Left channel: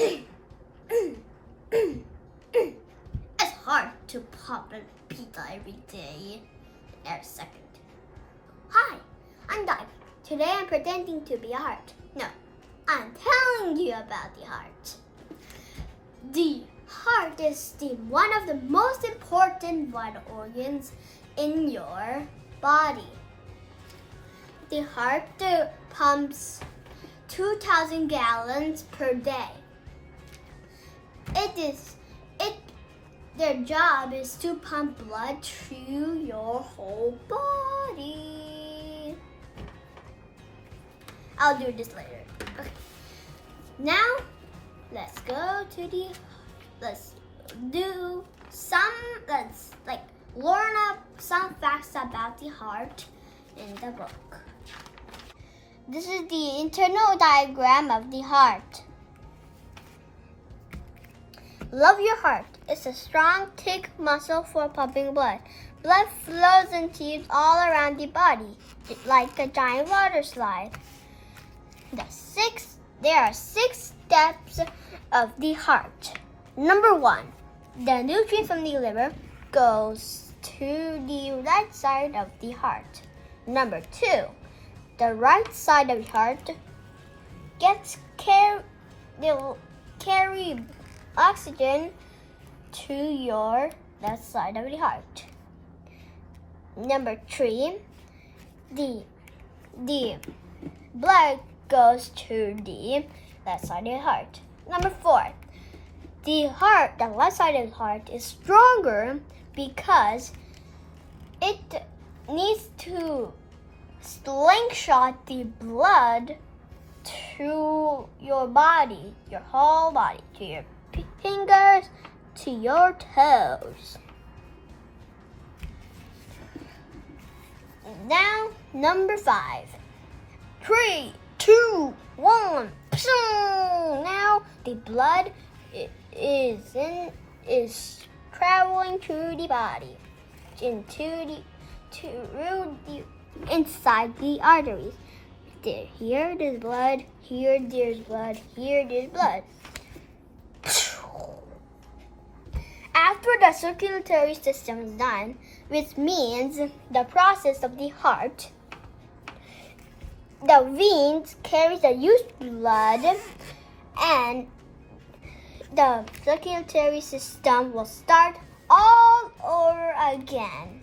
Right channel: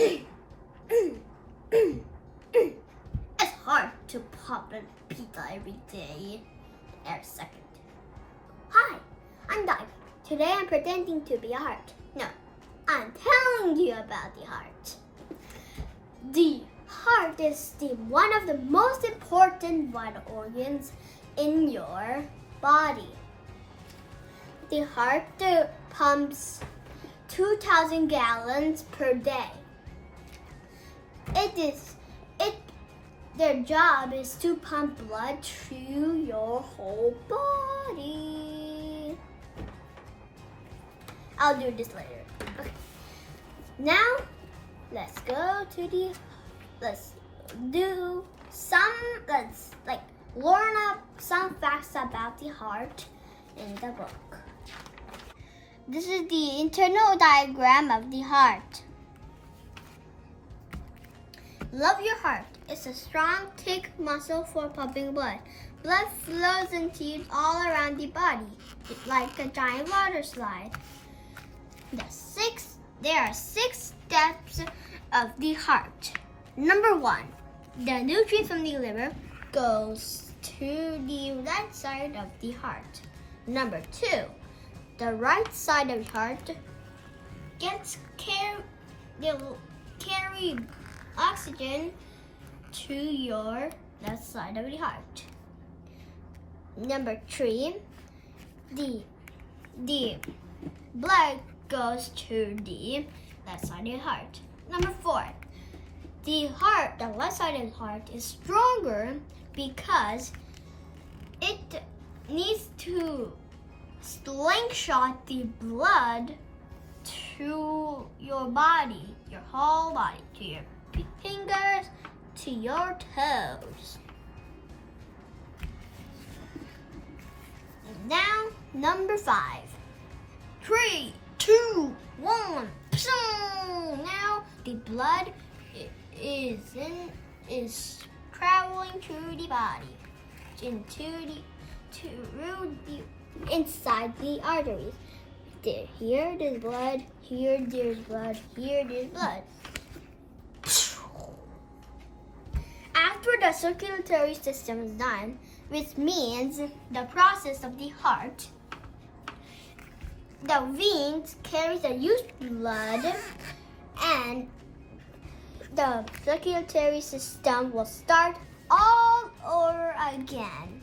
It's hard to pop a pizza every day, every second. Hi, I'm Daiwik. Today I'm pretending to be a heart. No, I'm telling you about the heart. The heart is one of the most important vital organs in your body. The heart pumps 2,000 gallons per day. Their job is to pump blood through your whole body. I'll do this later. Okay. Now, let's learn up some facts about the heart in the book. This is the internal diagram of the heart. Love your heart. It's a strong, thick muscle for pumping blood. Blood flows in tubes all around the body, like a giant water slide. There are 6 steps of the heart. Number 1, the nutrient from the liver goes to the right side of the heart. Number 2, the right side of the heart carry oxygen to your left side of the heart. Number 3, the blood goes to the left side of the heart. Number 4, the left side of the heart is stronger because it needs to slingshot the blood to your body, your whole body, to your fingers, to your toes. Now, number 5. 3, 2, 1. Now the blood is traveling through the body, inside the arteries. Here there's blood, here there's blood, here there's blood. After the circulatory system is done, which means the process of the heart, the veins carry the used blood and the circulatory system will start all over again.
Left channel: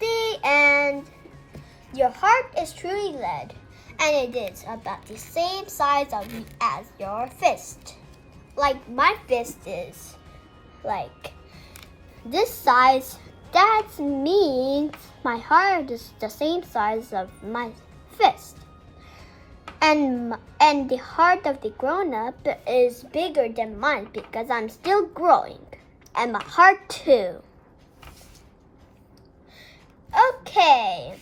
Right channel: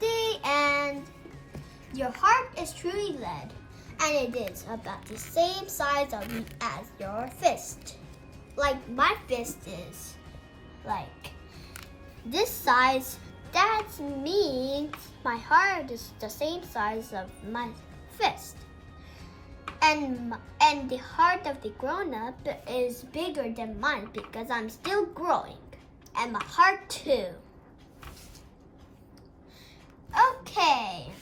The end. Your heart is truly lead, and it is about the same size as your fist. Like my fist is like this size. That means my heart is the same size of my fist. And the heart of the grown-up is bigger than mine because I'm still growing. And my heart too. Okay.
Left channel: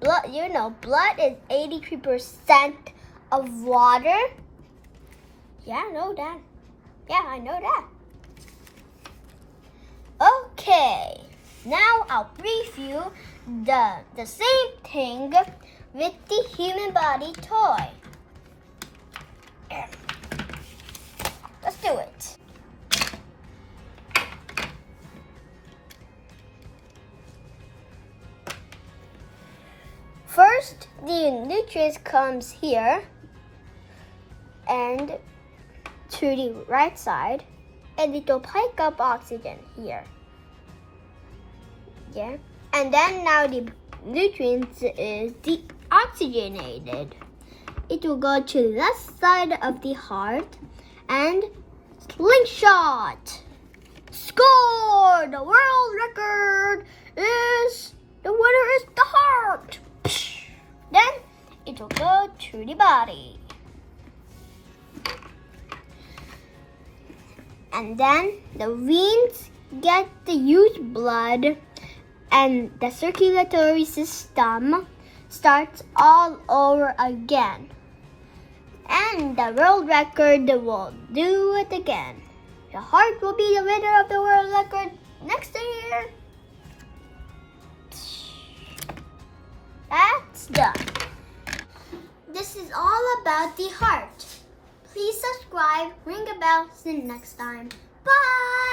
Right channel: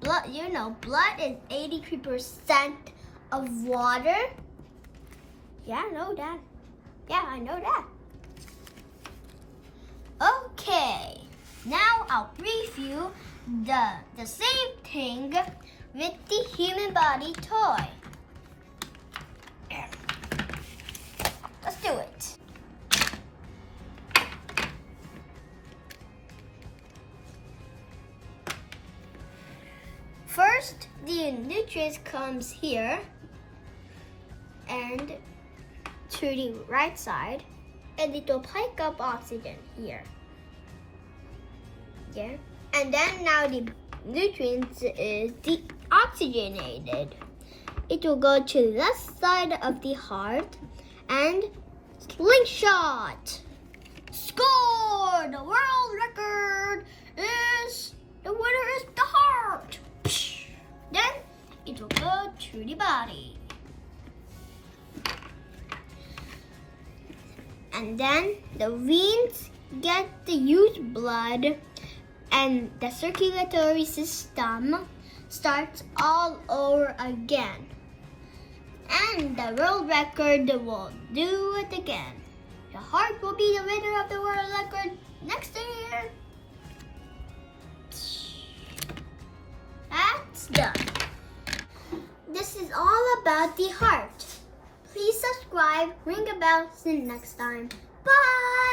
Blood is 83% of water. Yeah, I know that. I know that. Okay. Now I'll brief you the same thing with the human body toy. Let's do it. First, the nutrients comes here and to the right side, and it will pick up oxygen here. Yeah, and then now the nutrients is deoxygenated. It will go to the left side of the heart and slingshot. Score! The world record is, the winner is the heart. Then it will go to the body. And then the veins get the used blood and the circulatory system starts all over again. And the world record will do it again. The heart will be the winner of the world record next year. That's done. This is all about the heart. Please subscribe. subscribe, ring a bell. See you next time. Bye!